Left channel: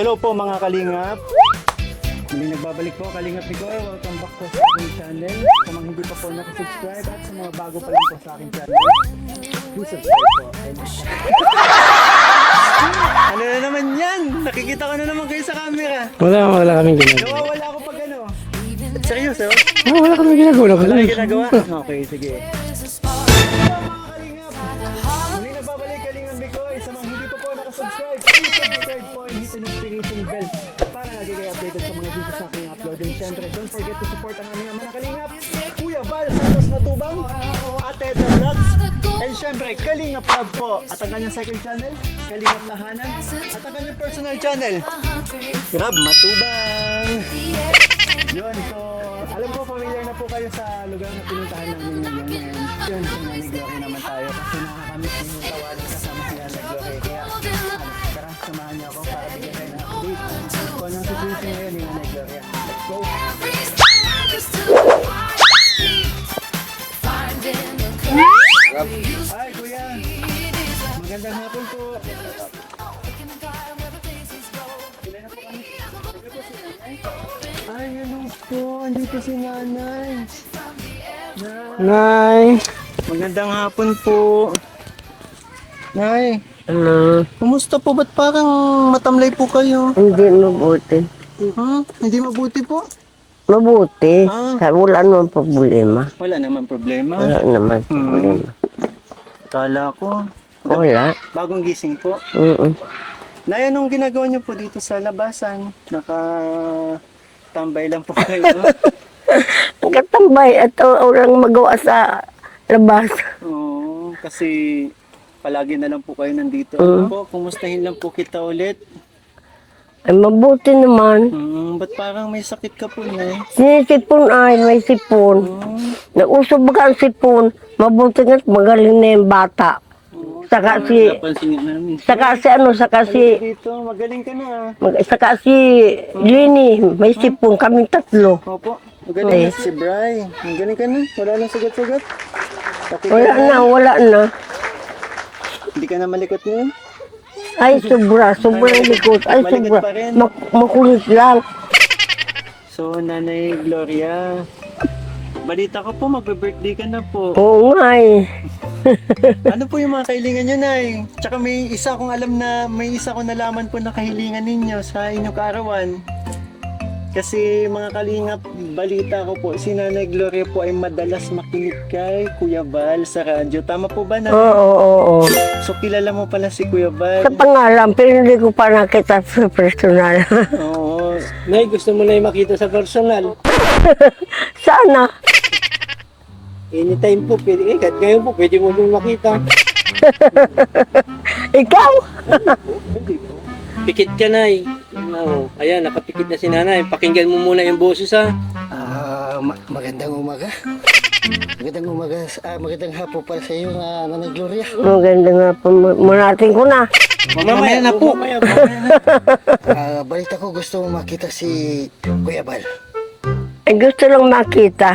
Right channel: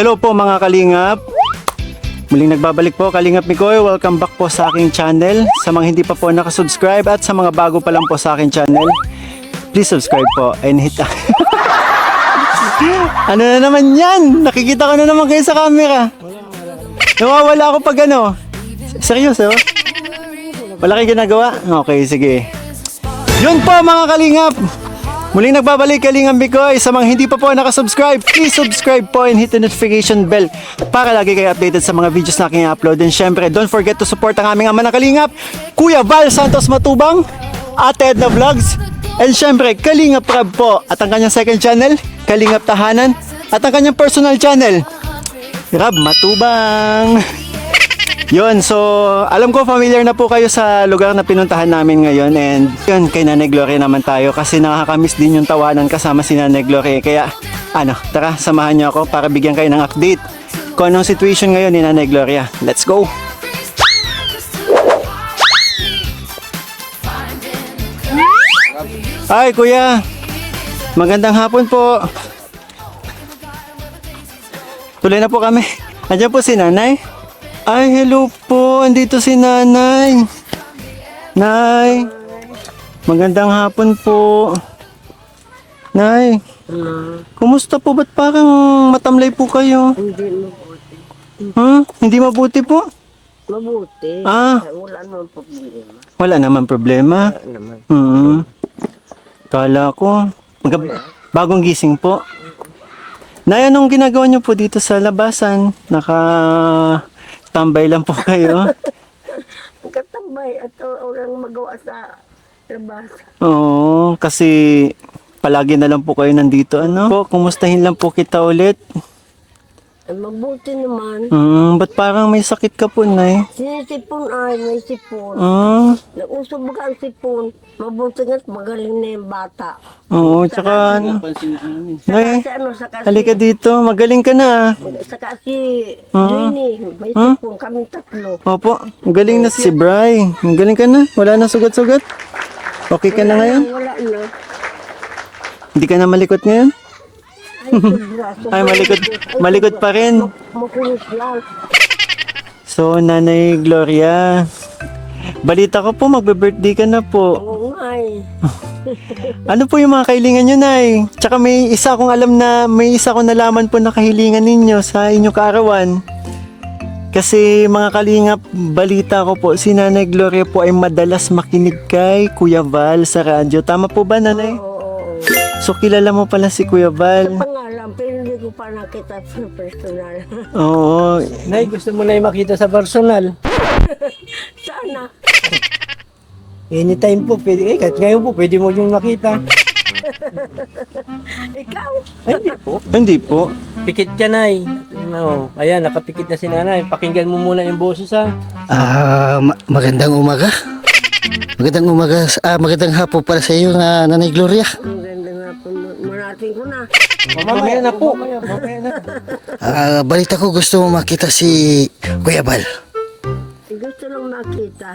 Hello po mga kalingap. Muling nagbabalik po Kalingap Mikoy. Welcome back po sa aking channel. Sa mga hindi pa po nakasubscribe at sa mga bago pa lang po sa aking channel, please subscribe po and hit Ano na naman yan? Nakikita ko na naman kayo sa camera. Wala kaming ginagawa. Nawawala ako pag ano. Seryoso? Wala kaming ginagawa. Wala kayo ginagawa? Okay, sige. Yun po mga kalingap. Muling nagbabalik Kalingap Mikoy. Sa mga hindi pa po nakasubscribe, please subscribe po and hit the notification bell para lagi kayo updated sa mga videos na aking upload. And syempre, don't forget to support ang aming ama na Kalingap, Kuya Val Santos Matubang, Ate Edna Vlogs, and syempre, Kalingap Rab po. At ang kanyang second channel, Kalingap Tahanan, at ang kanyang personal channel, Rab Matubang. Yun, so alam ko familiar na po kayo sa lugar na pinuntahan namin ngayon. And yun, kay Nanay Gloria naman tayo kasi nakakamiss din yung tawanan kasama si Nanay Gloria. Kaya tara, samahan niyo ako para bigyan kayo ng update kung anong situation ngayon ni Nanay Gloria. Let's go! Ay kuya, magandang hapon po. Tuloy na po kami. Andiyan po si Nanay. Ay, hello po. Andito si Nanay. Nay. Magandang hapon po. Nay. Kumusta po? Ba't parang matamlay po kayo? Hindi mabuti. Ha? Hindi mabuti po? Mabuti. Ah. Wala naman problema. Wala naman problema. Wala naman. Kala ko. Wala. Bagong gising po. Nay, anong ginagawa niyo po dito sa labasan? Tambay lang po kayo. Katambay at orang magawa sa labas. Oo, kasi palagi na lang po kayo nandito. Ano po, kumustahin lang po kita ulit. Ay, mabuti naman. Ba't parang may sakit ka po, Nay? Sinisipon ay, may sipon. Nauso ba ang sipon? Mabuti nga't magaling na yung bata. Oo, Saka si, halika dito, magaling ka na. saka si Jenny, may sipon, kaming tatlo. Opo, magaling na si Bri. Magaling ka na, wala na sugat-sugat. Okay ka na ngayon? Wala na. Hindi ka na malikot ngayon? Ay, sobra malikot. Ay, malikot sobra. pa rin. Makulit lang. So, Nanay Gloria, balita ko po, magbe-birthday ka na po. Oo nga eh. Ano po yung mga kahilingan nyo, Nay? Tsaka may isa akong nalaman po na kahilingan ninyo sa inyong kaarawan. Kasi mga kalingap, balita ko po, si Nanay Gloria po ay madalas makinig kay Kuya Val sa radyo. Tama po ba, Nanay? Oo. So, kilala mo pala si Kuya Val? Sa pangalan, pero hindi ko pa nakita sa personal. Oo. Nay, gusto mo na yung makita sa personal. Sana. Anytime po, pwede. Kahit ngayon po, pwede mo yung makita. Ikaw? Hindi po. Pikit ka, Nay. No. Ayan, nakapikit na si Nanay. Pakinggan mo muna yung boses, ha? Magandang umaga. Magandang hapon para sa iyo, Nanay Gloria. Maganda nga po. Munatin ko na. Mamaya na po. Balita ko gusto mo makita si Kuya Val. Ay, gusto lang makita.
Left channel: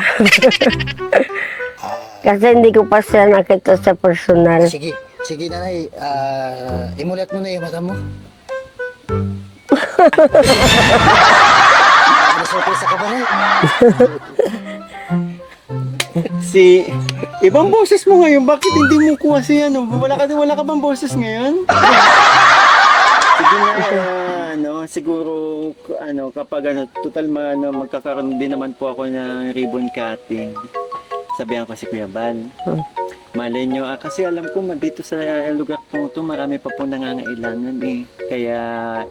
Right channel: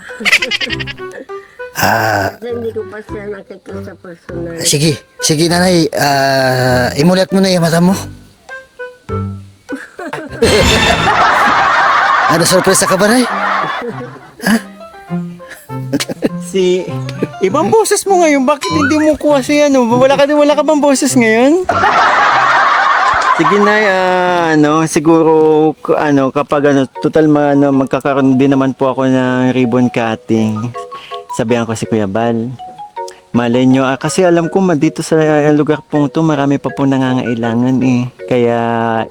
Kasi hindi ko pa siya nakita sa personal. Sige Nanay, imulat mo na yung mata mo. Ano, sorpresa ka ba, Nay? Ibang boses mo ngayon, bakit hindi mo kuha si wala ka bang boses ngayon? Sige na, siguro, kapag total magkakaroon din naman po ako ng ribbon cutting. Sabihan ko si Kuya Val. Malay nyo, kasi alam ko dito sa lugar pong to, marami pa po nangangailangan eh. Kaya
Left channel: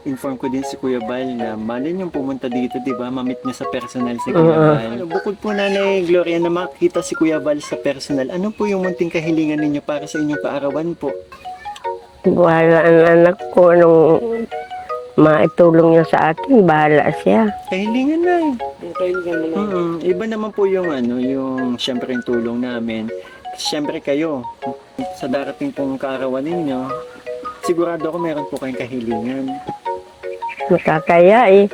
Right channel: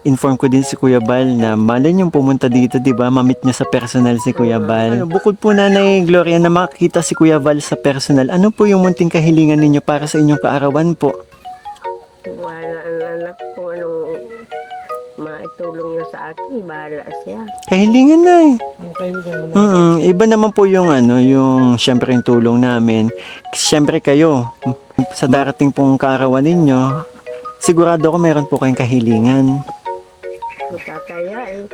inform ko din si Kuya Val na malay nyo pumunta dito, di ba? Mamit nyo sa personal si Kuya Val. Bukod po, Nanay Gloria, na makita si Kuya Val sa personal, ano po yung munting kahilingan ninyo para sa inyong kaarawan po? Bahala ang anak ko nung maitulong niya sa akin. Bahala siya. Kahilingan na eh. Iba naman po yung yung syempre yung tulong namin. Syempre kayo, sa darating pong kaarawan ninyo, sigurado ko meron po kayong kahilingan. Makakaya eh.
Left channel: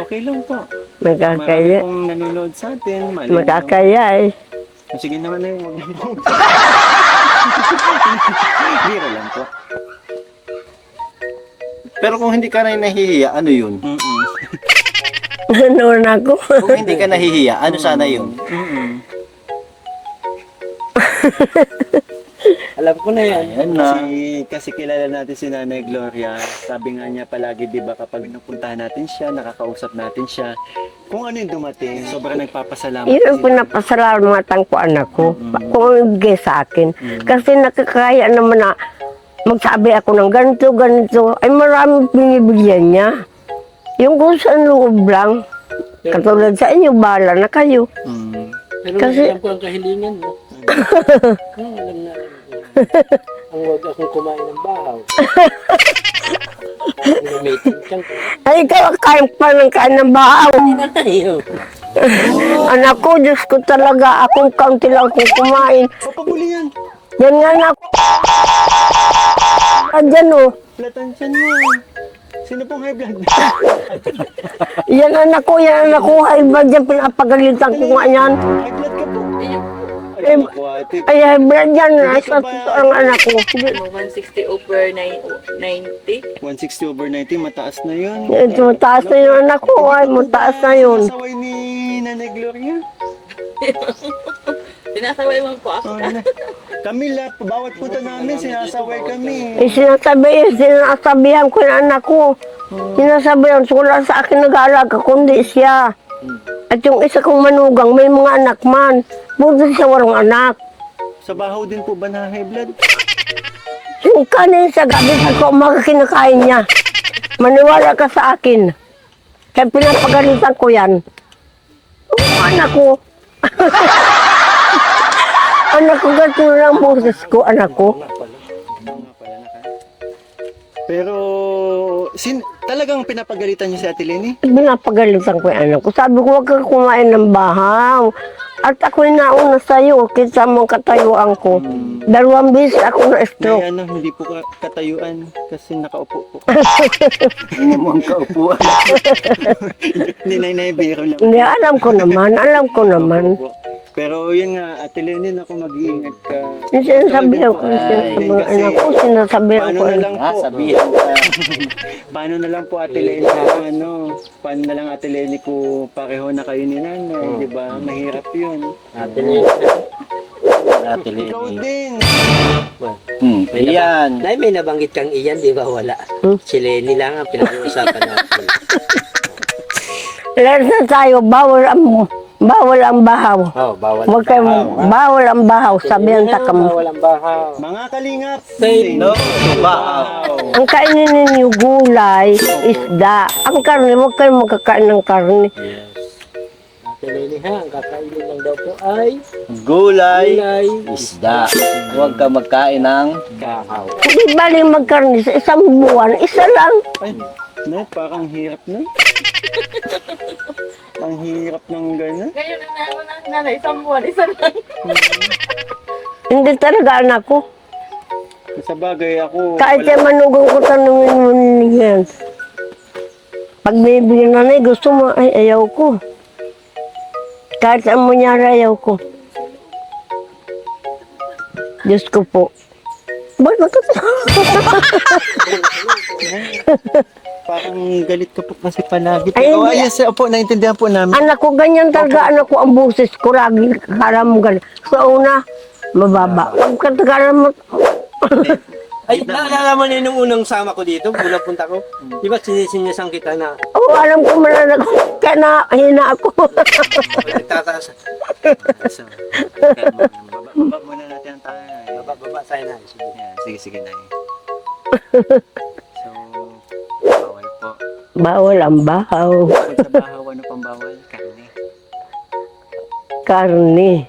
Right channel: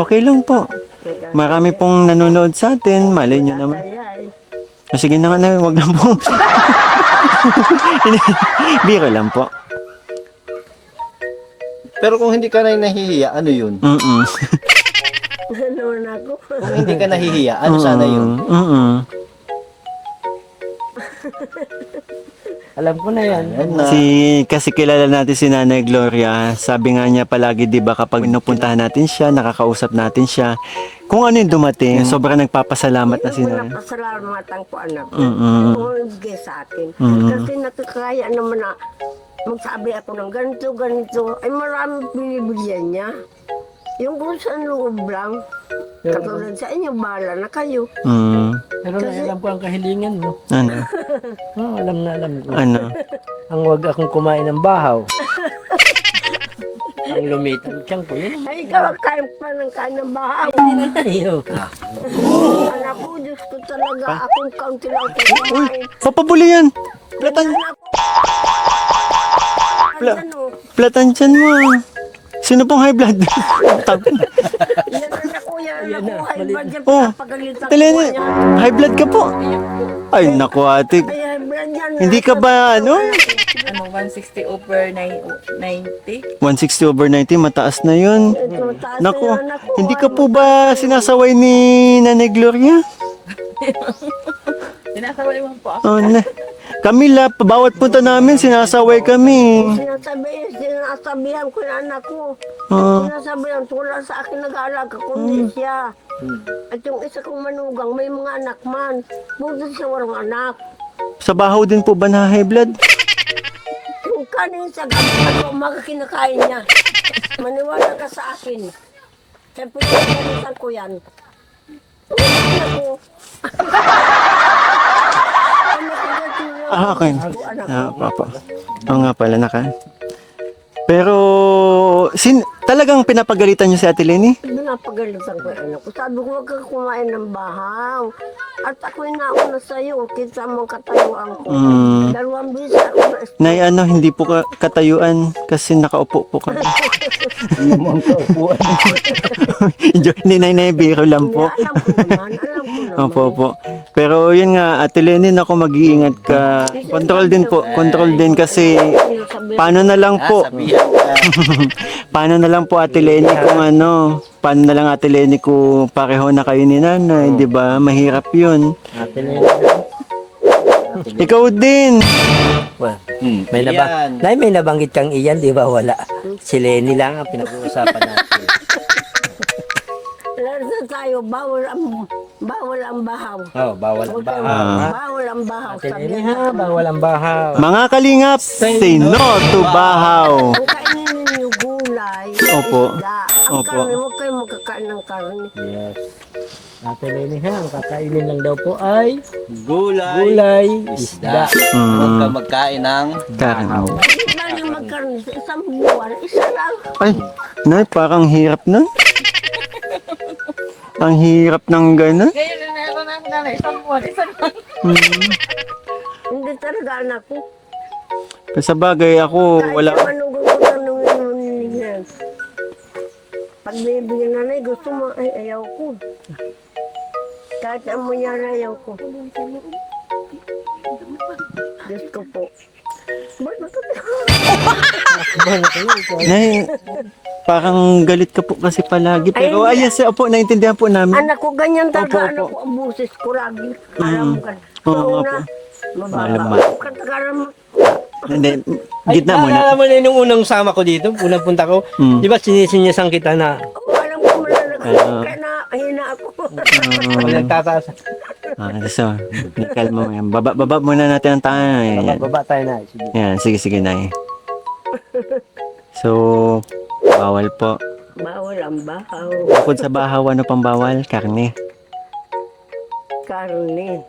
Okay lang po. Makakaya. Marami pong nanonood sa atin. Malay nyo naman. Makakaya eh. Sige na, wag na po. Biro lang po. Pero kung hindi ka na nahihiya, ano yun? Ganoon ako. Kung hindi ka nahihiya, ano sana yun? Alam ko na yan. Yan na. Kasi kilala natin si Nanay Gloria. Sabi nga niya palagi, di ba, kapag pinupuntahan natin siya, nakakausap natin siya, kung ano yung dumating, sobrang nagpapasalamat Yun na ang si Nanay. pinapasalamatan ko anak ko. Ako ang ibigay sa akin. Kasi nakakaya naman na magsabi ako ng ganito, ganito. Ay maraming binibigyan niya. Yung kung saan loob lang. Katulad sa inyo, bahala na kayo. Pero Kasi- alam ko ang kahilingan mo. Ano? Alam na alam ko. Ano? Ang huwag akong kumain ng bahaw. Ang lumitin siyang ko. Ay, ikaw kain pa ng kain ng bahaw. Iyo. Anak ko, Diyos ko talaga, akong kaunti lang kung kumain. Papabuli yan. Yan nga ako. Andyan o. Platan dyan mo. Sino pong high blood? Yan anak ko, Ay, ba dyan pinapagalitan ko nga yan. High blood ka po. Ay, naku ate. Ay, hybrid yan. Hindi ka ba, Ang ano? anak ko. 160 over 90. 160 over 90, mataas na yun. Ito, taas na Naku, yung anak ko. hindi ka Ay, po mataas ba na yun. sinasaway ni Nanay Gloria? Sinasaway mo po ako. Oh, Camila, bawat punta namin, sinasaway kami. Sinasabihan ko yung anak ko. Sinasabihan, so wala sa akin nag-aalaga, kundi siya. At yung isa kong manugang, may mga anak man. Buti siya walang anak. Sa bahaw din po ba na high blood? Yung kanin sa gabi sa umaga kinakain niya. Maniwala ka sa akin. Kaya pinapagalitan ko yan. Oh, anak ko. Anak ko, gato lang po. Ko, anak ko. Papa. Oo nga pala, naka. Pero, talagang pinapagalitan niyo si Ate Lenny? Pinapagalitan ko yung anak ko. Sabi ko, huwag kang kumain ng bahaw. At ako'y nauna sa'yo, kita mong katayuan ko. 2 beses ako Nay, na-stroke. ano, hindi po ka katayuan kasi nakaupo po ka. Hindi mo ang kaupuan. Hindi, Nay, biro lang Hindi, po. alam ko naman. Opo. Pero yun nga, Ate Lenny, ako mag-iingat ka. Yung Control din po. sinasabi- Control din kasi Sinasabihan paano ko, na lang po. Sabihan ka. Paano na lang po Ate Lenny kung ano, paano na lang Ate Lenny kung pareho na kayo ni Nanay, di ba? Mahirap yun. Ikaw din. May Iyan. may nabanggit kang iyan, di ba? Wala. Si Lenny lang ang pinag-uusapan natin. lahat na tayo, bawal ang bahaw. Oh, bawal. Huwag kayong bawal ang bahaw, sabihan sa kamo. Bawal ang bahaw. Mga kalingap, say no to bahaw. Ang kainin ninyo gulay, Opo. isda. Ang Opo. karne, huwag kayong magkakain ng karne. Yes. Ate Lenny ha, ang kakainin lang daw po ay Gulay, gulay, isda. Huwag ka magkain ng Karno. Hindi baling magkarne sa isang buwan, isa lang. Ay, Nay, parang hirap na. Ang hirap ng gano'n. Ngayon na ako na nanay, isang buwan, isa lang. Hindi talaga anak ko. Sa bagay ako, Kahit wala. yung manugang ko tanongin mo niyan. Pag may bigyan nanay, gusto mo, ay ayaw ko. Kahit ang munyara, ayaw ko. Diyos ko po. Bakit Nay, parang galit ka po kasi palagi. Pero ayun, opo, naintindihan po namin. Anak ko, ganyan talaga. Anak ko, ang boses ko, lagi kala mo ganyan. So, una, mababa. Ang katagalan mo, Hindi, gitna mo na. Alam mo na yung unang sama ko dito, unang punta ko. Di ba sinisinyasan kita na alam ko malalag. Kaya na, hina ako. nagtataas. So, kalma mo yan. Baba muna natin ang tayo. Yan. Baba tayo na. Sige. Yan, sige, Nay. So, bawal po. Bawal ang bahaw. Bukod sa bahaw, ano pang bawal? Karne. Karne.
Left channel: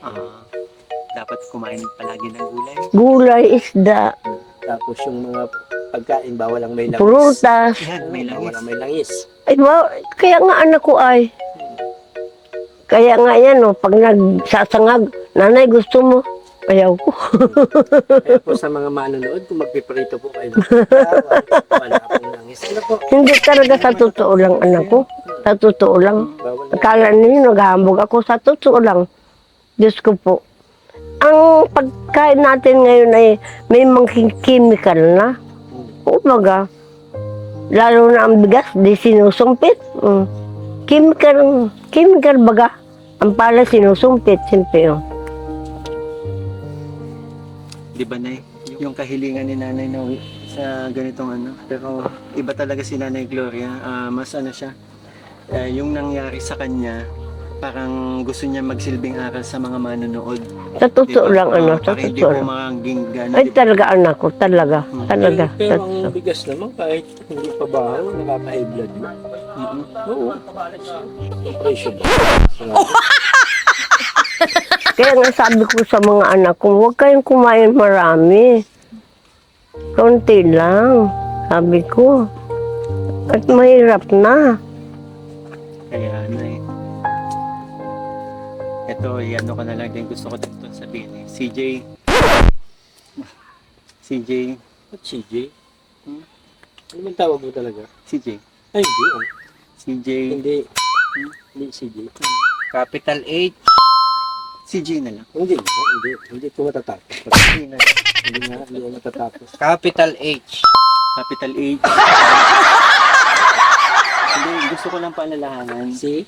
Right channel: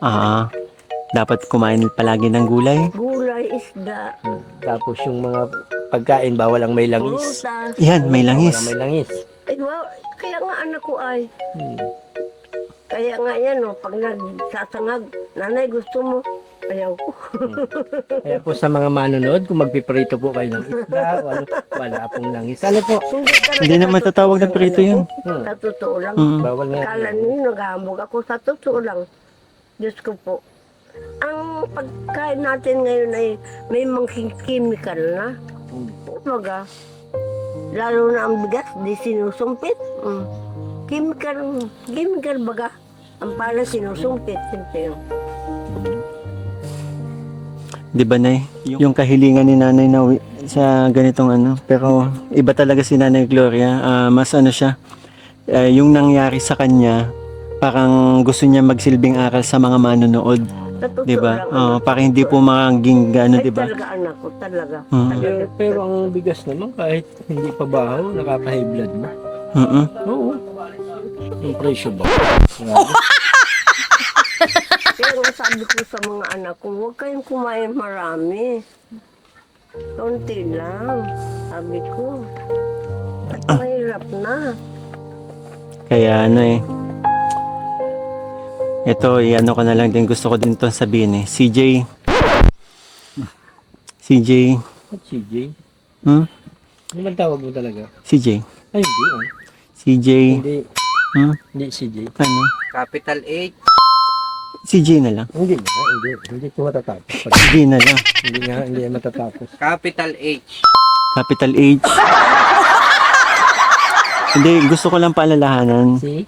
Dapat kumain palagi ng gulay. Gulay, isda, Tapos yung mga pagkain, bawal ang may langis. prutas. Yan, may Bawal langis. ang may langis. Ay, kaya nga anak ko ay. Kaya nga yan, pag nagsasangag, nanay gusto mo, ayaw ko. Kaya po sa mga manonood, kung magpiprito po kayo ng bawal, wala pong langis. Ano po? Hindi talaga Hindi sa naman totoo tatawag lang, na prito anak ko. yan. Sa totoo lang. Bawal na. Akala ninyo naghahambog ako, sa totoo lang. Diyos ko po. Ang pagkain natin ngayon ay may mga chemical na. Umaga, Lalo na ang bigas, di sinusumpit. Chemical baga. Ang pala sinusumpit, siyempre. Di ba, Nay? Yung kahilingan ni Nanay na sa ganitong ano. Pero iba talaga si Nanay Gloria. Mas ano siya, yung nangyari sa kanya, parang gusto niya magsilbing aral sa mga manonood. Sa totoo lang, Oo, sa para hindi totoo po lang. maging ano, Ay, di ba? talaga anak ko, talaga. Talaga. Pero ang bigas naman, kahit hindi pa baho, nakaka-high blood mo. Oo. Yung presyo ba? Kaya nga sabi ko sa mga anak ko, huwag kayong kumain marami. Konti lang, sabi ko. At mahirap na. Kaya ano ito, ano ko na lang din, gusto ko din itong sabihin CJ. At CJ? Hmm? Ano man tawag mo talaga? CJ. Ay, hindi. CJ. Hindi. Hmm? Hindi CJ. Ano? Capital H. CJ na lang. Hindi. Hindi ko matatapos. CJ na lang. Hindi matatapos. Capital H. Capital H. Hindi, gusto ko lang paalalahanan. See?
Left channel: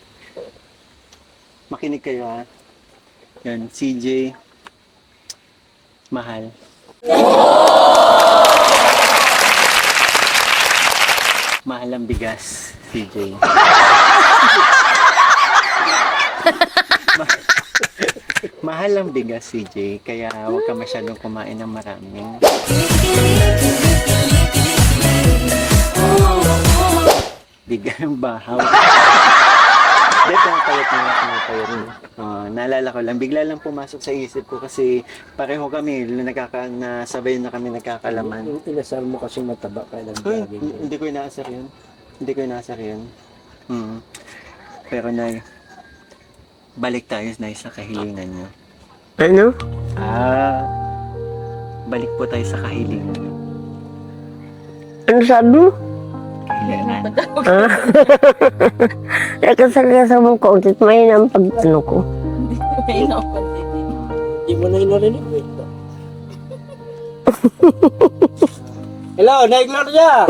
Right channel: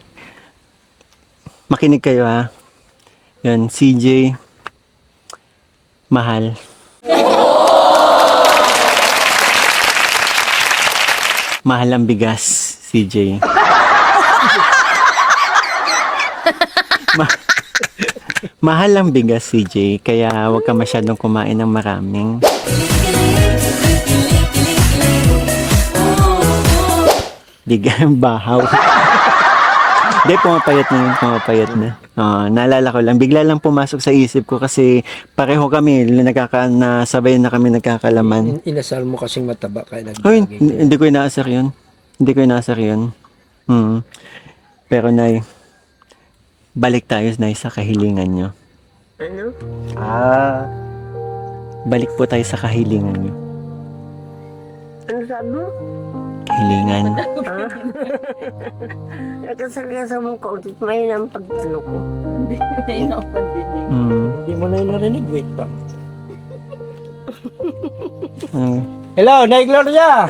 Makinig kayo ha. Yun, CJ. Mahal. Mahal ang bigas, CJ. Mahal ang bigas, CJ. Kaya huwag ka masyadong kumain ng maraming. Digang bahaw. Hindi, pumapayat na. Naalala ko lang, bigla lang pumasok sa isip ko kasi pareho kami, nasabay na kami nagkakalaman. Inasal mo kasing mataba kaya Hoy, nagdaging. hindi ko inaasar yun. Pero Nay, balik tayo Nay sa kahilingan nyo. Ano? Balik po tayo sa kahilingan nyo. Ano sabi mo? Kahilingan. Nagkasal-kasal mong kauntit, may ang pag-ano ko. Hindi mo na inarinig. Wait pa. Mm. Hello, Nay Gloria!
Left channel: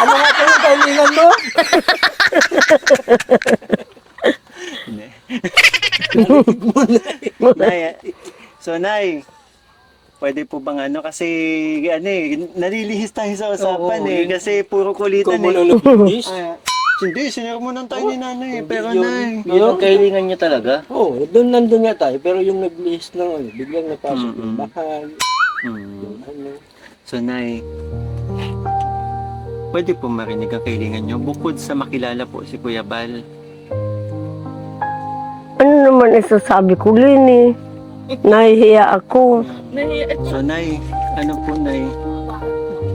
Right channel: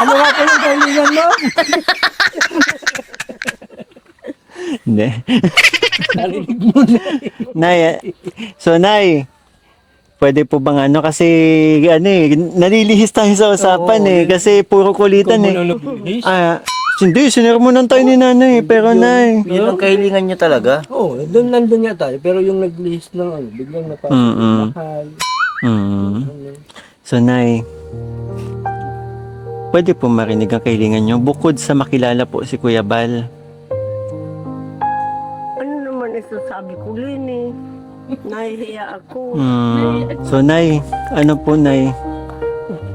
Ano nga po yung kailangan mo? Hindi. Nay, so Nay, pwede po bang ano kasi nalilihis tayo sa usapan kasi puro kulitan hindi, sinermonan tayo ni Nanay pero Nay. Yun ang kahilingan niya talaga. Oo, doon nandun nga tayo. Pero yung nag-list ng biglang napasok yung mahal. So Nay, pwede po marinig ang kahilingan nyo bukod sa makilala po si Kuya Bal. Ano naman isasabi ko, Lini? Nahihiya ako. So Nay, ano po Nay?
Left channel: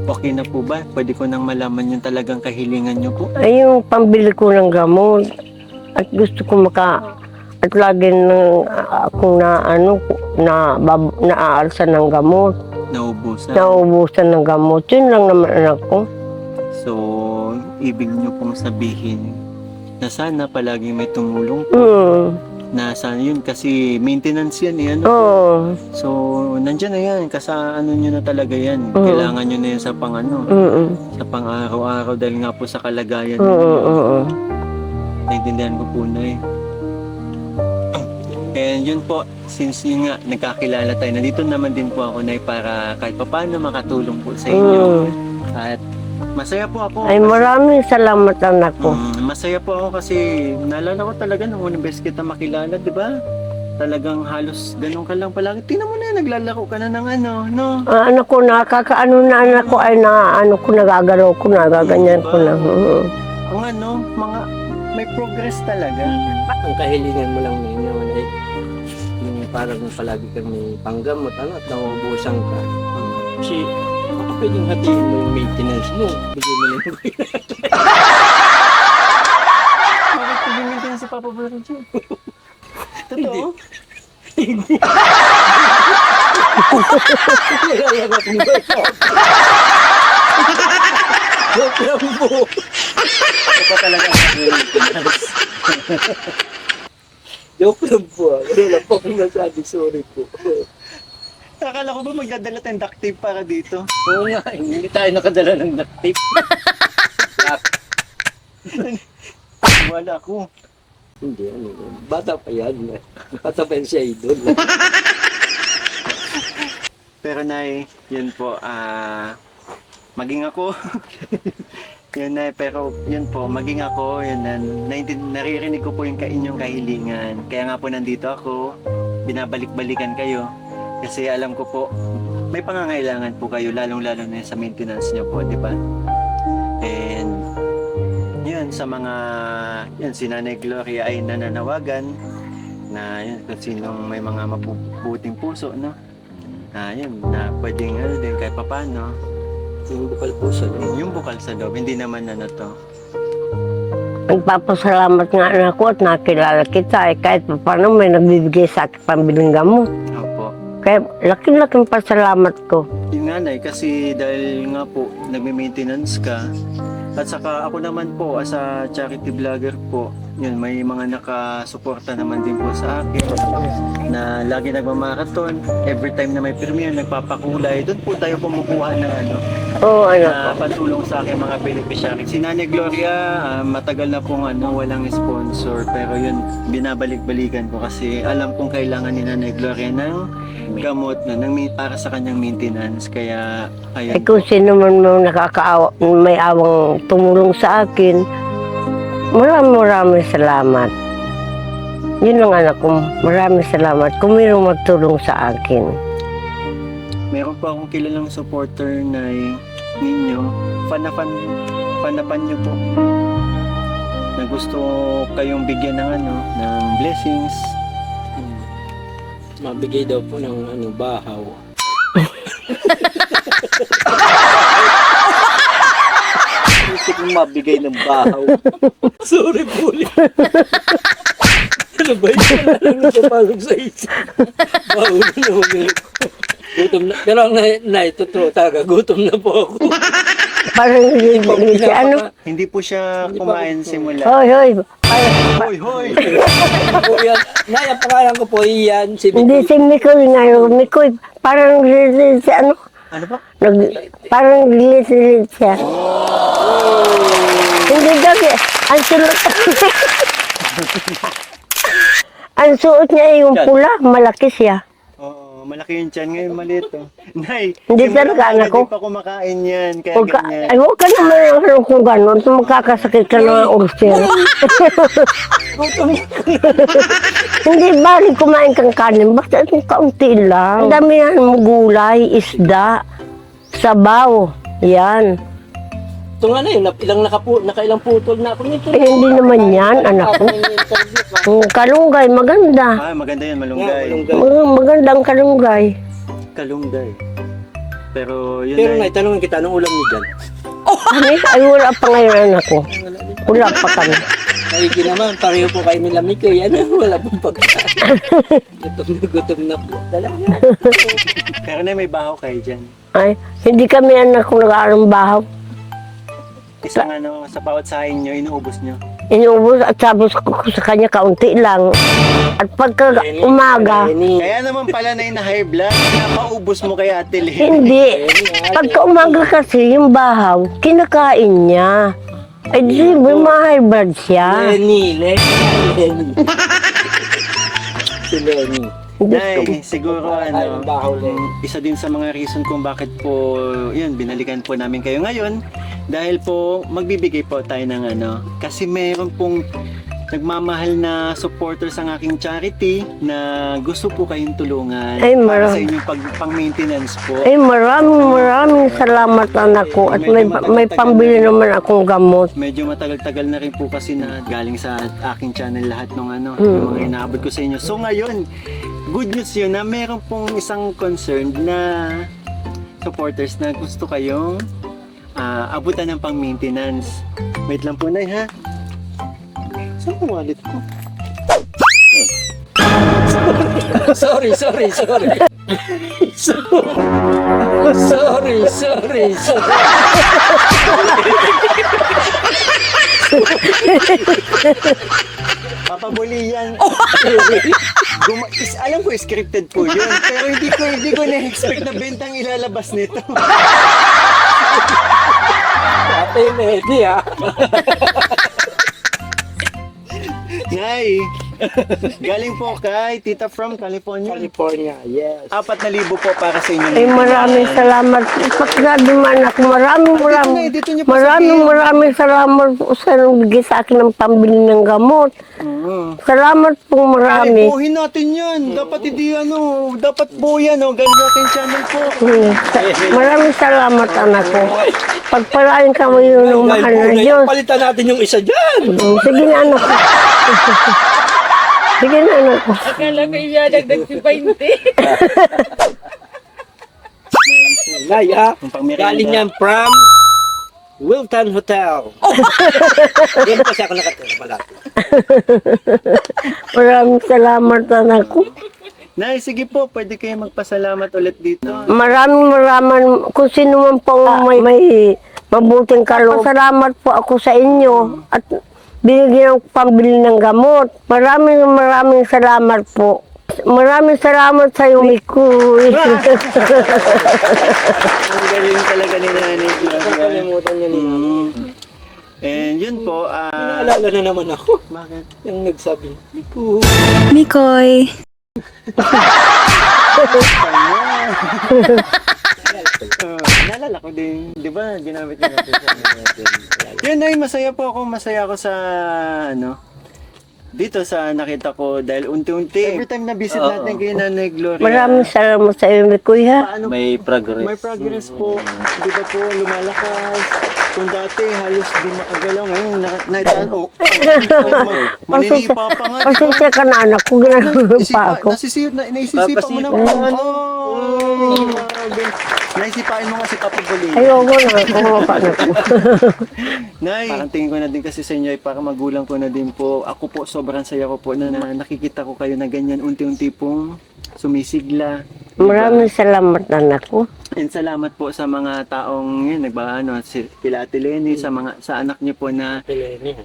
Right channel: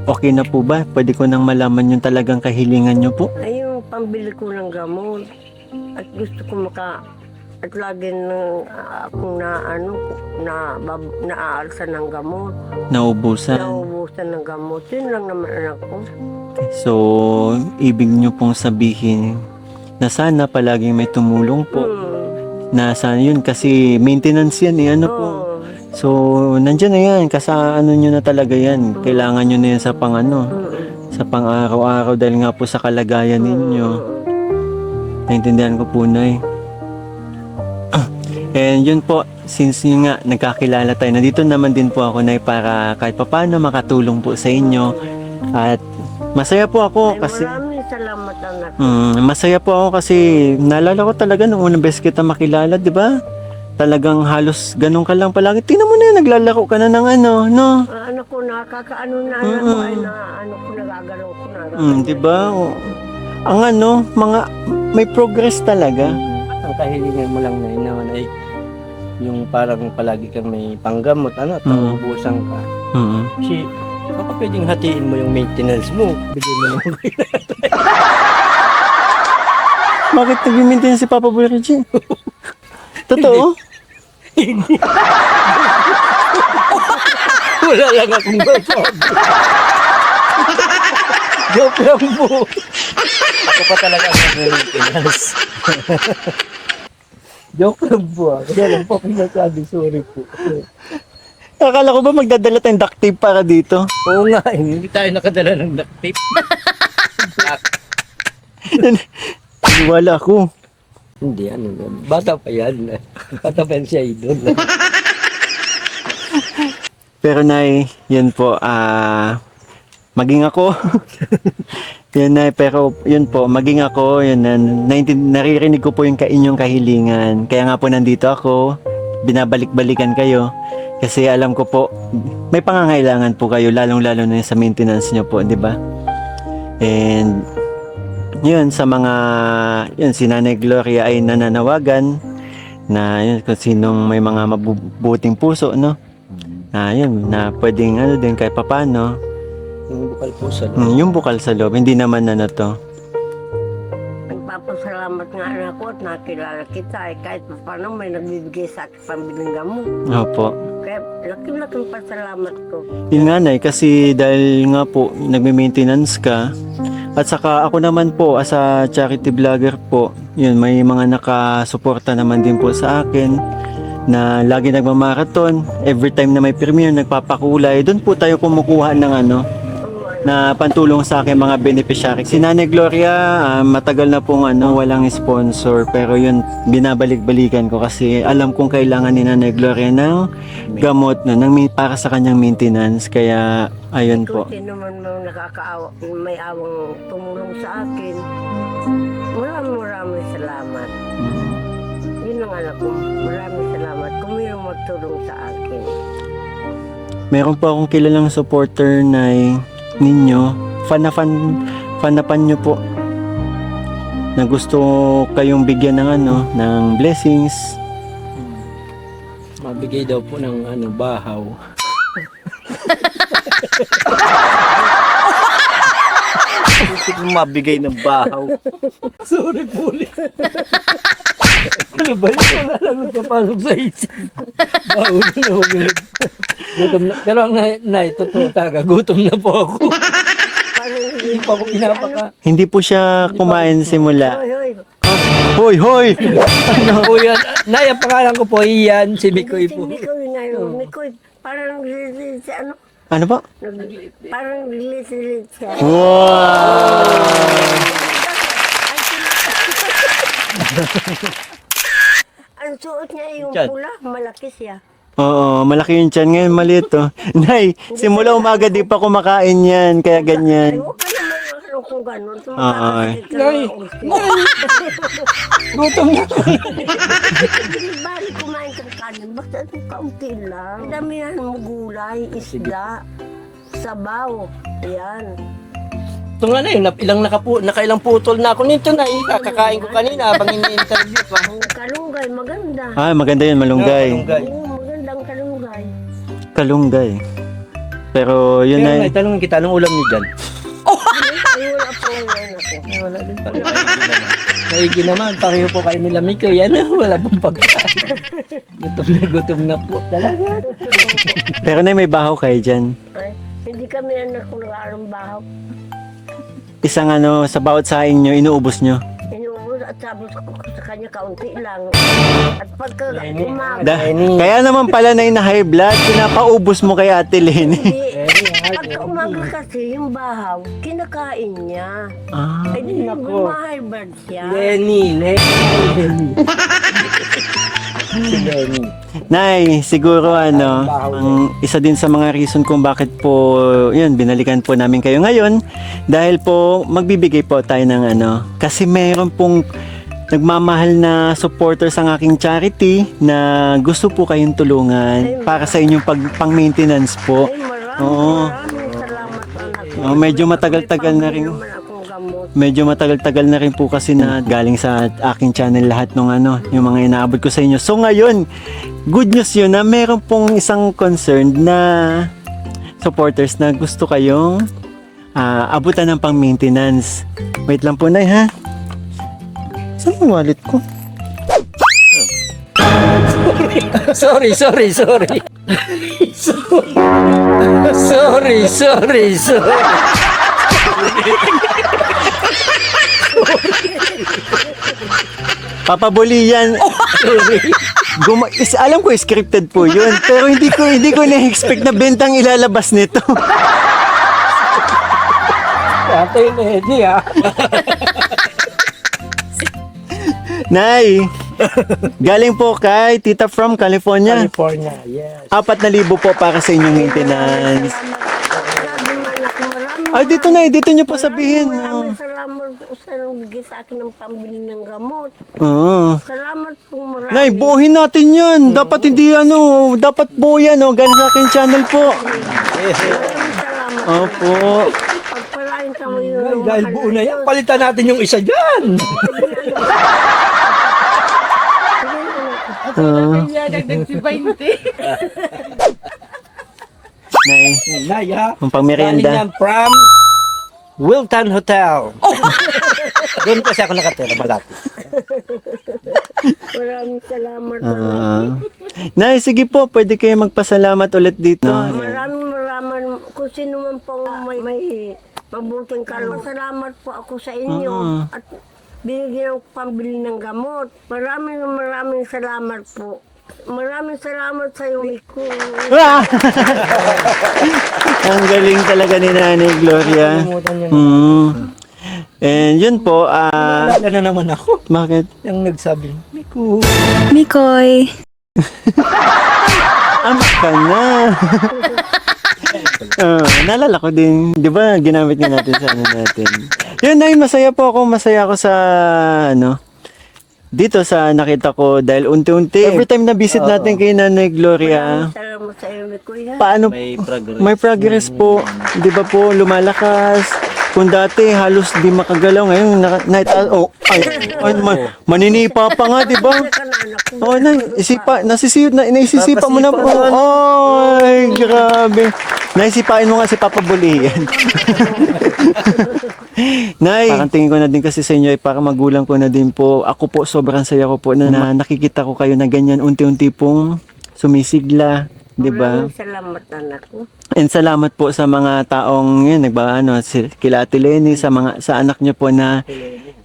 Okay na po ba? Pwede ko nang malaman yung talagang kahilingan nyo po? Ay, yung pambili ko ng gamot. At gusto ko at lagi nang ako naaalsa ng gamot. Naubusan. Naubusan ng gamot. Yun lang naman anak ko. So, ibig nyo pong sabihin na sana palaging may tumulong po. Na sana yun kasi maintenance yan po. Oo. So, nandyan na yan. Ano nyo na talaga yan. Kailangan nyo na yan sa sa pang-araw-araw dahil nga po sa kalagayan ninyo. Naintindihan ko po, Nay. And yun po, since yun nga, nagkakilala tayo, nandito naman din po ako, Nay, para kahit paano makatulong po sa inyo. At masaya po ako. Ay, maraming salamat anak ko. Masaya po ako kasi naalala ko talaga nung unang beses kita makilala, di ba? Talagang halos ganun ka lang palagi. Tingnan mo na yun, naglalako ka na ng no? Anak ko, nakakaano na anak ko, ay ko, nagagalaw ko, nagaganyan diba? ko na. Ang may progress talaga. Ang kahilingan mo lang na naman ay yung parang palagi kang may panggamot, taubusan ka. Kasi baka pwedeng hatiin mo yung maintenance mo, bigyan mo yung Bakit nag-maintain si Papa Boy Reggie? Totoo? wala lang akong gawin. Joke lang po. Ito pa talaga ang maintenance. Joke lang po. Kaya lang po pinasabi, sorry po. Akala ko ba magdadala tayong duct tape para dito? Oo nga, hindi tayo nakadala ng duct tape. Wala ko. Hindi, ano, bata pa yan. Bata pa yan siya idol. Pero Nay, yun po, maging ako. Yun Nay, pero yun po, maging ako, yun, naririnig ko po yung inyong kahilingan. Kaya nga po nandito ako, binabalik-balikan kayo. Kasi alam ko po, may pangangailangan po kayo, lalong-lalo na sa maintenance nyo po, di ba? And yun, sa mga, yun, si Nanay Gloria ay nananawagan na yun, kung sinong may mga mabubuting puso, no? Yun, na pwedeng ano din kahit papano. Yung bukal po sa Yung bukal sa loob, hindi naman ano to. Nagpapasalamat nga anak ko at nakilala kita. Kahit paano may nagbibigay sa akin pambiling gamot. Opo. Kaya laking-laking pasalamat ko. Yun nga Nay, kasi dahil nga po, nagme-maintenance ka. At saka ako naman po, as a charity vlogger po, yun, may mga nakasuporta naman din po sa akin na lagi nagmamarathon. Every time na may premiere, nagpapakulay. Doon po tayo kumukuha ng ano, Oo, na pantulong sa akin mga beneficiary. Si Nanay Gloria, matagal na pong ano, walang sponsor, pero yun, binabalik-balikan ko kasi alam kong kailangan ni Nanay Gloria ng gamot na para sa kanyang maintenance. Kaya ayun po. Kung sino man may awang tumulong sa akin, maraming salamat. Yun lang anak ko, maraming salamat kung mayroong magtulong sa akin. Meron po akong kilalang supporter na ninyo. Fan na fan nyo po. Na gusto kayong bigyan ng ano, ng blessings. mabigay daw po ng ano, bahaw. Gusto kong mabigay ng bahaw. Sorry po ulit. Ano ba yun? Ano ba palong sa isip? Bahaw na ulit. Gutom na. Pero ang totoo talaga, gutom na po ako. Parang hindi mo ano. Hindi po siya kumain simula. Hoy, hoy. Hoy, hoy! Ako yan. Nay, ang pangalan ko po iyan, si Hindi Bikoy si po. Mikoy ngayon. Mikoy, parang si ano. Ano ba? Parang gilit siya. Hindi daw siya. Ang suot. Ang suot niya ay yung pula. Malaki siya. Oo, malaki yung tiyan. Ngayon maliit to. Nay, Hindi simula talaga, umaga anak di ko. pa kumakain yan. Kaya Huwag ka- ganyan. Ay, huwag ka naman ano kung gano'n. Magkakasakit ka ng ulcer. Gutom na. Hindi bali kumain kang kanin. Basta itong kaunti lang. Ang dami yan mo gulay, isda, sabaw. Yan. Ito nga na yun, nakailang putol na ako nito na. Eh, hindi naman yan, anak ko. Ini-interview pa. Ang kalunggay, maganda. Maganda yun, malunggay. Magandang kalunggay. Kalunggay. Pero yun Pero na. may tanongin kita, anong ulam niyo dyan? Ay, wala pa ngayon anak ko. Wala pa kami. Maigi naman, pareho po kayo nila Miko. Yan, wala pong pagkain. Gutom na po. Talaga. Pero na may bahaw kayo dyan. Ay, hindi kami anak ko nag-aaral bahaw. Isang ano, sa bawat saing nyo, inuubos nyo. Inuubos at sabos ko sa kanya kaunti lang. At pagka umaga, Kaya naman pala na high blood, pinapaubos mo kay Ate Lenny. hindi. Pagka umaga kasi yung bahaw, kinakain niya. Ay, di ba ma-high blood siya? Lenny. Si Lenny. Nay, siguro ano, ang isa din sa mga reason kung bakit po, yun, binalikan po namin kayo ngayon. Dahil po, magbibigay po tayo ng ano, kasi mayroon pong nagmamahal na supporters ang aking charity na gusto po kayong tulungan Ay, para sa inyong pang-maintenance po. Ay, maraming salamat anak ko. Oh, At medyo may matagal-tagal pambili na rin. naman akong gamot. Medyo matagal-tagal na rin po kasi na galing sa aking channel lahat ng ano, yung mga inaabot ko sa inyo. So ngayon, good news yun na meron pong isang concerned na supporters na gusto kayong abutan ng pang-maintenance. Wait lang po, Nay, ha? Saan yung wallet ko? Sorry. Sorry. Papabuli yan. Alam ko, scripted po yun. Pero hindi ko na-expect na bentang ilalabas nito. Tatay na hindi ha. Nay, galing po kay Tita from California. California, yes. 4,000 po para sa inyong Ay, maraming maintenance. salamat. Pagka dumaan ako, Ay, dito niyo po sabihin. Maraming salamat po sa nagbigay sa akin ng pambili ng gamot. Oo. Salamat po Nay, marami. buuhin natin yan. Dapat hindi dapat po yan. Galing sa aking channel po. Maraming salamat, anak ko. Pagpalain ka mo yung mahal na Diyos. Palitan natin yung isa dyan. Sige na, anak ko. Sige na, anak ko. Akala ko siya nagdag si 20. Nay, Nay ha. ang pangmerienda. Galing yan from Wilton Hotel. Doon kasi ako nakatira malapit. Maraming salamat, anak ko. Nay, sige po. Pwede kayo magpasalamat ulit dito. Maraming kung sino man po may mabuting kaloob. Salamat po ako sa inyo at binigyan ng pambili ng gamot. Maraming salamat po. Maraming salamat sa iyo, Mikoy. Ang galing talaga ni Nanay Gloria. And yun po, Wala na naman ako. bakit? Yung nagsabi, Nico. Mikoy. Pa na. Naalala ko din, di ba, ginamit nga natin sa ano natin. Yun na masaya ako sa, dito sa nakita ko dahil unti-unti. Every time na visit natin kay Nanay Gloria, Maraming salamat sa iyo, Mikoy, ha? paano, may progress po. Di ba po, lumalakas. Kung dati halos di makagalaw, ngayon maninipa pa nga, di ba? Pasensya ka na, anak ko. Naisisipa mo na po. Ay, grabe. Naisipain mo nga si Papa Buli. Ayoko na. Nay, parang tingin ko na din kasi sa inyo, para magulang ko na din po. Ako po, sobrang saya ko po na nakikita ko kayo na ganyan, unti-unti pong sumisigla. Diba? Maraming salamat, anak ko. And salamat po sa mga taong yun, kila Ate Lenny, sa anak niyo po na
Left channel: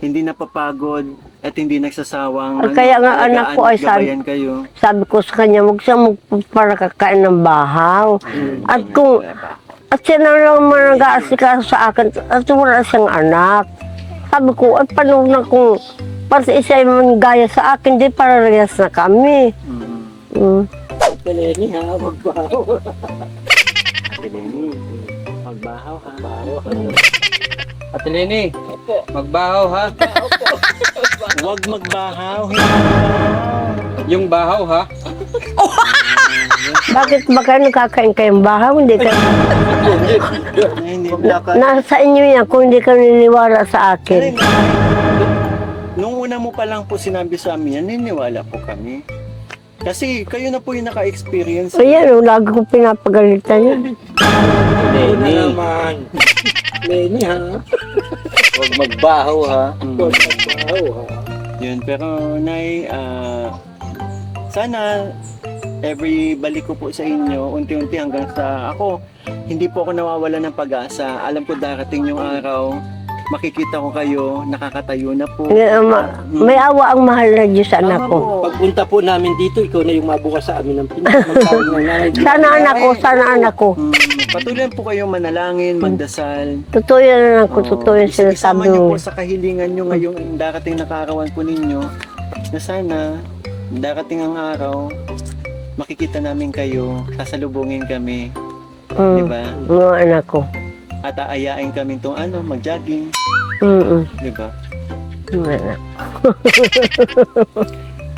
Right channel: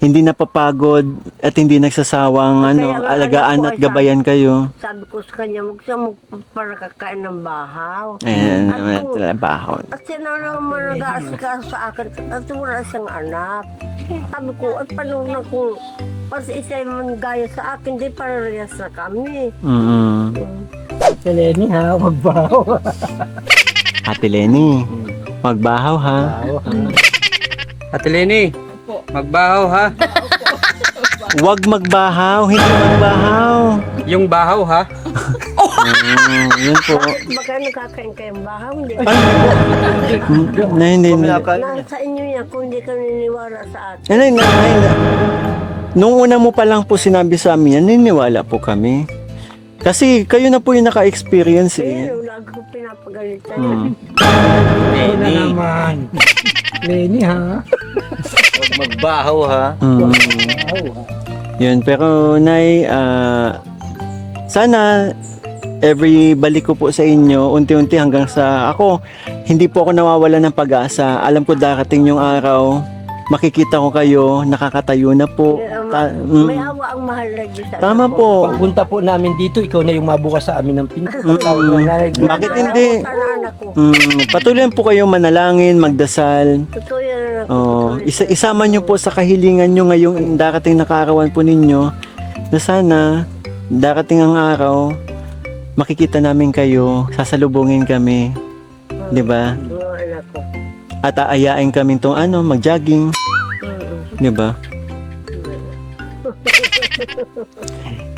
hindi napapagod at hindi nagsasawang Kaya nga, anak alagaan ko, at gabayan kayo. Sabi ko sa kanya, huwag siya para kakain ng bahaw. Ayan, At siya na lang nag-aasikaso sa akin at wala siyang anak. Sabi ko, at paano na kung para sa isa yung gaya sa akin, di parehas na kami. Ate Lenny ha, wag ba? Ate Lenny, magbahaw ha. Ate Lenny, magbahaw ha. Huwag magbahaw, hindi magbahaw. Yung bahaw ha. Bakit ba kayo nakakain kayong bahaw? Hindi ka, Hindi. nasa inyo yan kung hindi ka niniwala sa akin. Nung una mo pa lang po sinabi sa amin, niniwala po kami. Kasi kayo na po yung naka-experience. Kaya lagi ko pinapagalitan yan. Una naman. Lenny ha. Huwag magbahaw ha. Bahaw ha. Yun, pero Nay, sana every balik ko po sa inyo, unti-unti hanggang sa ako, hindi po ako nawawala ng pag-asa. Alam ko darating yung araw, makikita ko kayo, nakakatayo na po. May awa ang mahal na Diyos, anak Tama ko. po. Pagpunta po namin dito, ikaw na yung mabukas sa amin ng Sana anak ko, sana anak ko. Patuloy po kayo manalangin, magdasal. Totoo yan, anak ko, totoo yan. Isama nyo po sa kahilingan nyo ngayong darating na kaarawan po ninyo na sana darating ang araw makikita namin kayo, sasalubungin kami, di ba? Mga anak ko. At aayain kami itong mag-jogging, di ba?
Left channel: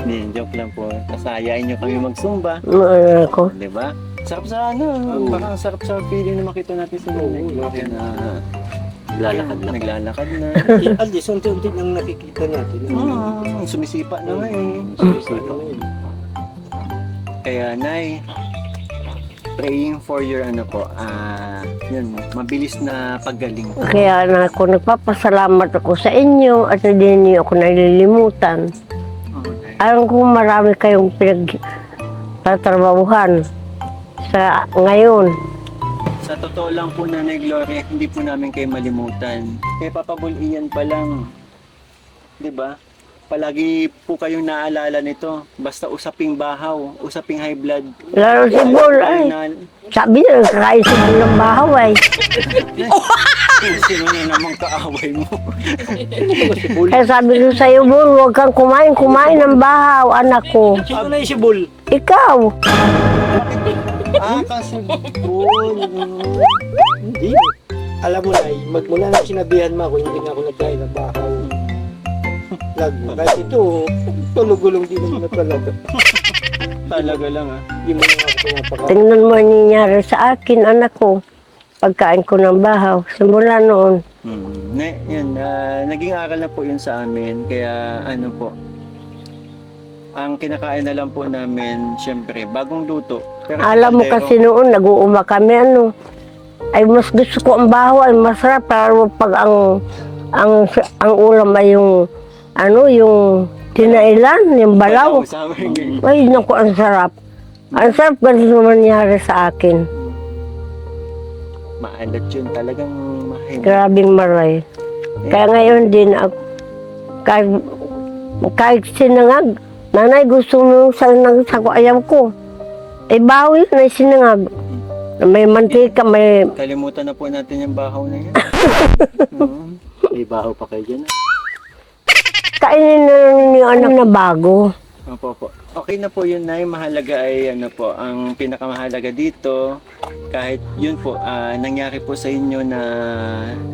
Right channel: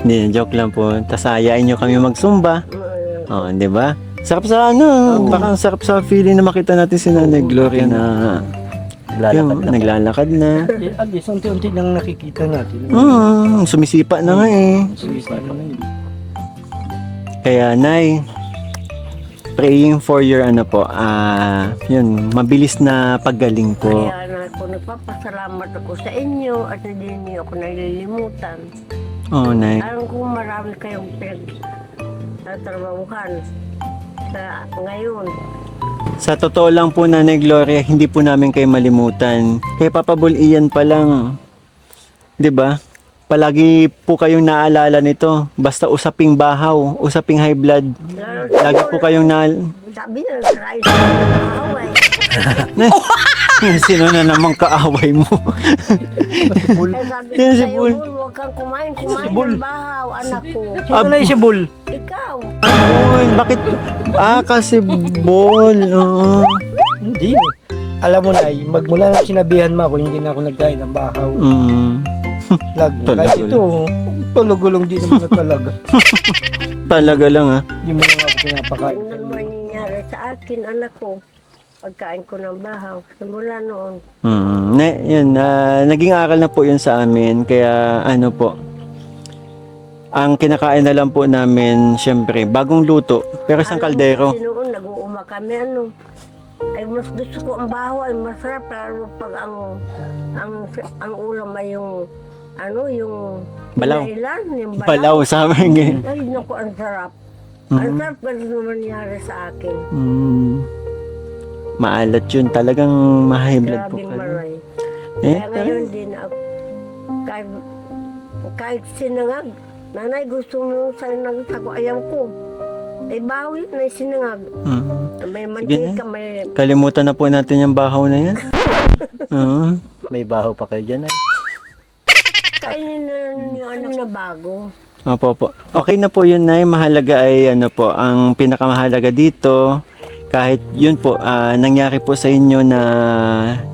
Hindi, joke lang po. Tapos aayain nyo kami mag-zumba. Mga anak ko. Di ba? Sarap sa parang sarap sa feeling na makita natin si Nanay Gloria na naglalakad na. At least, unti-unti nang nakikita natin. Sumisipa na nga eh. Kaya Nay, praying for your yun, mabilis na paggaling po. Kaya anak ko, nagpapasalamat ako sa inyo at hindi niyo ako nalilimutan. Oo, Nay. Alam ko marami kayong pinagtatrabahuhan sa ngayon. Sa totoo lang po, Nanay Gloria, hindi po namin kayo malimutan. Kaya Papa Bulian pa lang, di ba? palagi po kayong naalala nito. Basta usaping bahaw, usaping high blood. Lalo si Lagi po Bol, kayong ay, sabi niya, nagkakaisa ng bahaw ay. Sino na namang kaaway mo? Kaya sabi ko sa'yo, Bol, huwag kang kumain ng bahaw, anak ko. Ano yung si Bull? Ikaw. Bakit? Kasi ball. Oo. Hindi. Alam mo na, magmula na sinabihan mo ako, hindi na ako nagkain ng bahaw. Kahit ito, palugulong din naman talaga. Talaga lang Hindi mo na ako pinapakain. Tingnan mo ang nangyari sa akin, anak ko. Pagkain ko ng bahaw, simula noon. Naging aral na po yun sa amin. Kaya ano po, ang kinakain na lang po namin, syempre, bagong luto. Pero sa Alam mo kaldero. kasi noon, nag-uuma kami, ay mas gusto ko ang bahaw, ay masarap. Pero pag ang ulam ay yung tinailan, yung balaw. Balaw sa amin. Ay, naku, ang sarap. Ang sarap ganun naman nangyari sa akin. Maalat yun. Talagang mahibig. Grabing maray. Kaya ngayon din, kahit sinangag, nanay gusto mo sinangag sa ayam ko. Eh, bawi na sinangag. May mantika, may... Kalimutan na po natin yung bahaw na yan. May bahaw pa kayo dyan. Kainin na lang yung anak na bago. Opo. Okay na po yun, Nay. Mahalaga ay ang pinakamahalaga dito. Kahit yun po, nangyari po sa inyo na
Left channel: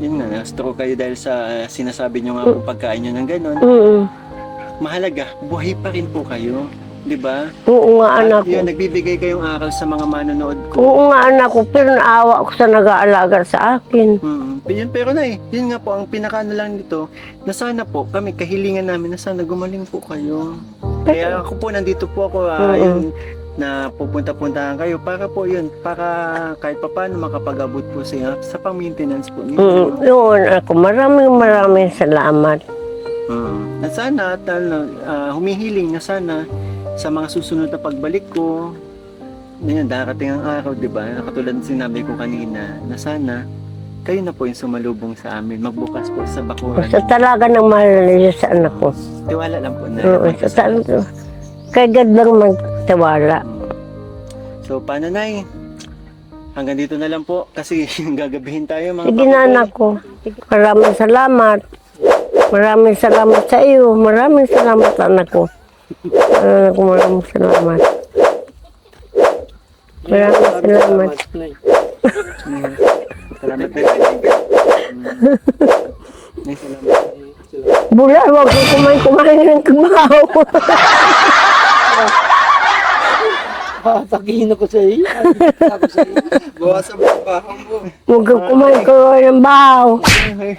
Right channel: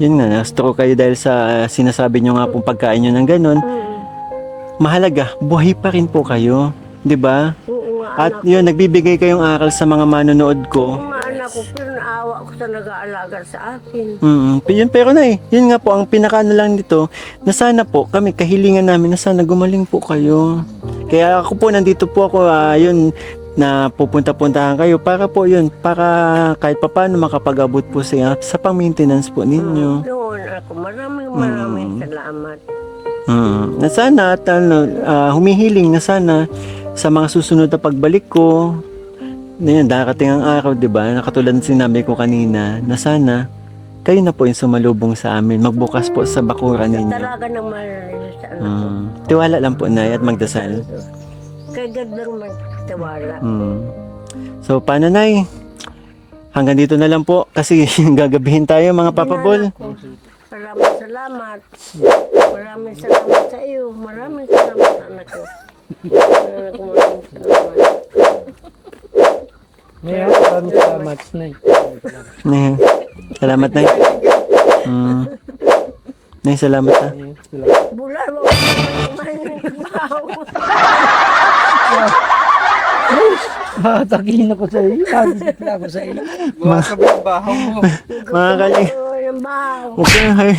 na-stroke kayo dahil sa sinasabi nyo nga po pagkain nyo ng ganun. Mahalaga, buhay pa rin po kayo. 'Di ba? Oo nga, anak At ko. yun, nagbibigay kayong aral sa mga manonood ko. Oo nga, anak ko. Pero naawa ko sa nag-aalaga sa akin. Pero yun nga po, ang pinakaano lang dito, na sana po, kami, kahilingan namin, na sana gumaling po kayo. Kaya ako po, nandito po ako, yun, na pupunta-puntahan kayo, para po yun, para kahit papaano makapag-abot po sa pang-maintenance po ninyo. Yun, ako. Maraming salamat. Na sana, at humihiling na sana, sa mga susunod na pagbalik ko, na yun, darating ang araw, di ba? Nakatulad ng sinabi ko kanina, na sana, kayo na po yung sumalubong sa amin. Magbukas po sa bakuran Sa ninyo. talaga ng mahal na Diyos sa anak ko. Tiwala lang po na at magdasal. Kaya God lang magtiwala. So, paano, Nay? Hanggang dito na lang po kasi gagabihin tayo mga Sige na, papabol. anak ko. Maraming salamat. Maraming salamat sa iyo. Maraming salamat, anak ko. Anak ko, maraming salamat. Maraming salamat. Nay, salamat, Nay. Nay, salamat na. Bula, huwag ko kumain ng kabahaw. Takihin ako sa iyo. Ako sa iyo. Bawasan pa ang bahaw mo. Huwag ka kumain ng bahaw. Okay.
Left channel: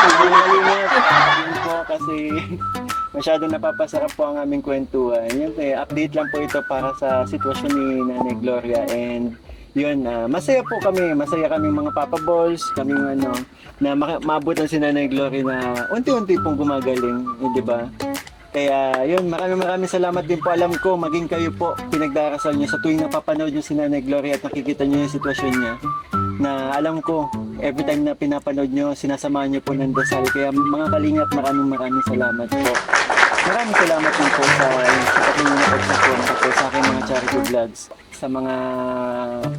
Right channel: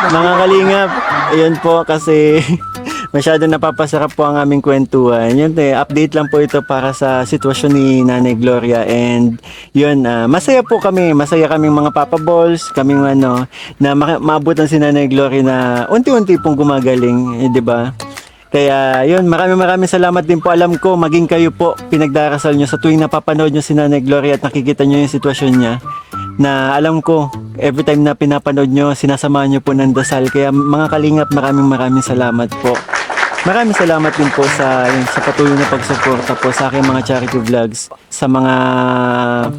Mga kalingap, ayun po kasi masyado napapasarap po ang aming kwentuhan. Yun, update lang po ito para sa sitwasyon ni Nanay Gloria, and yun, masaya po kami, masaya kaming mga Papa Balls, kaming na maabutan si Nanay Gloria na unti-unti pong gumagaling, di ba? Kaya yun, maraming salamat din po. Alam ko, maging kayo po, pinagdarasal nyo sa tuwing napapanood nyo si Nanay Gloria at nakikita nyo yung sitwasyon niya, na alam ko, every time na pinapanood nyo, sinasamahan nyo po ng dasal. Kaya mga kalingap, maraming salamat po. Maraming salamat din po sa patuloy na pagsuporta po sa aking mga charity vlogs. Sa mga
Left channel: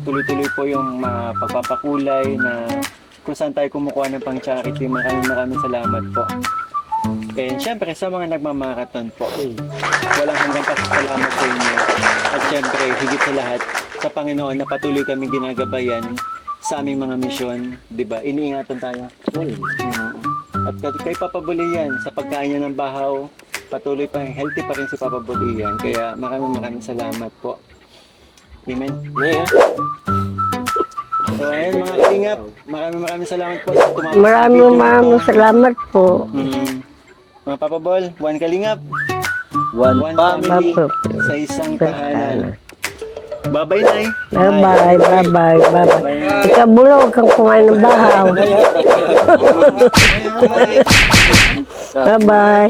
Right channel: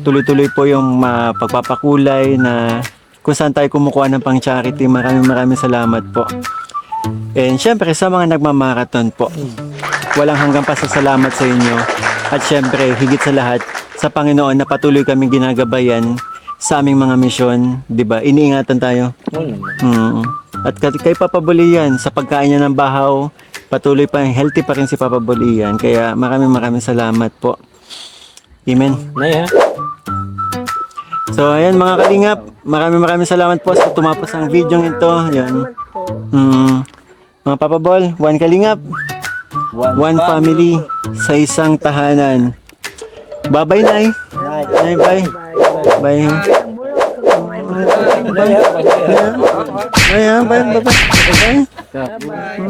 tuloy-tuloy po yung pagpapakulay na kung saan tayo kumukuha ng pang charity. Maraming salamat po. And syempre sa mga nagmamarathon po, walang hanggang pasasalamat sa inyo. At syempre, higit sa lahat, sa Panginoon na patuloy kami ginagabayan sa aming mga misyon, di ba? Iniingatan tayo. At kay Papa Bulian, sa pagkain niya ng bahaw, patuloy pa, healthy pa rin si Papa Bulian. Kaya maraming salamat po. Amen. So ayan mga kalingap, maraming salamat po sa tumapos sa video nito. Maraming salamat po. Mga Papa Bol, one kalingap, one family, sa isang tahanan. Bye-bye, Nay. Bye-bye. Bye. Ikaw, Bula, huwag kang kumain ng bahaw. Bye-bye.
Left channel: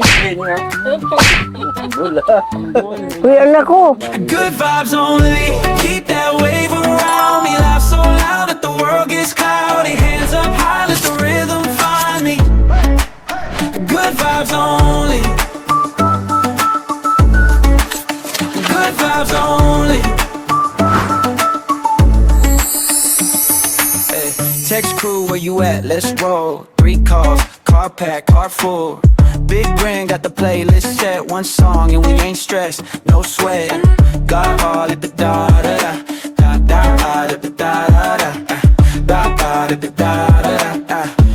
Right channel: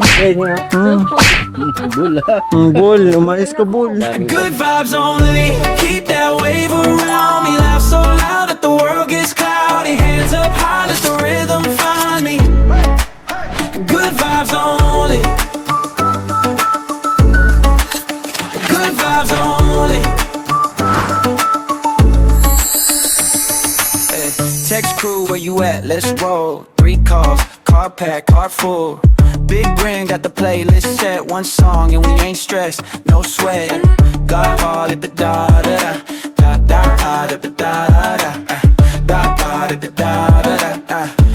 Bol, Uy, umayos ka, anak ko. Bol. Good vibes only. Keep that wave around me. Laugh so loud that the world gets cloudy. Hands up high, let the rhythm find me. Good vibes only. you at? Let's roll. 3 calls, car pack, car full. Big ring, got the playlist set. One song and we ain't stressed, no sweat. Got all at the da da da da da da da da da da da da da da da da.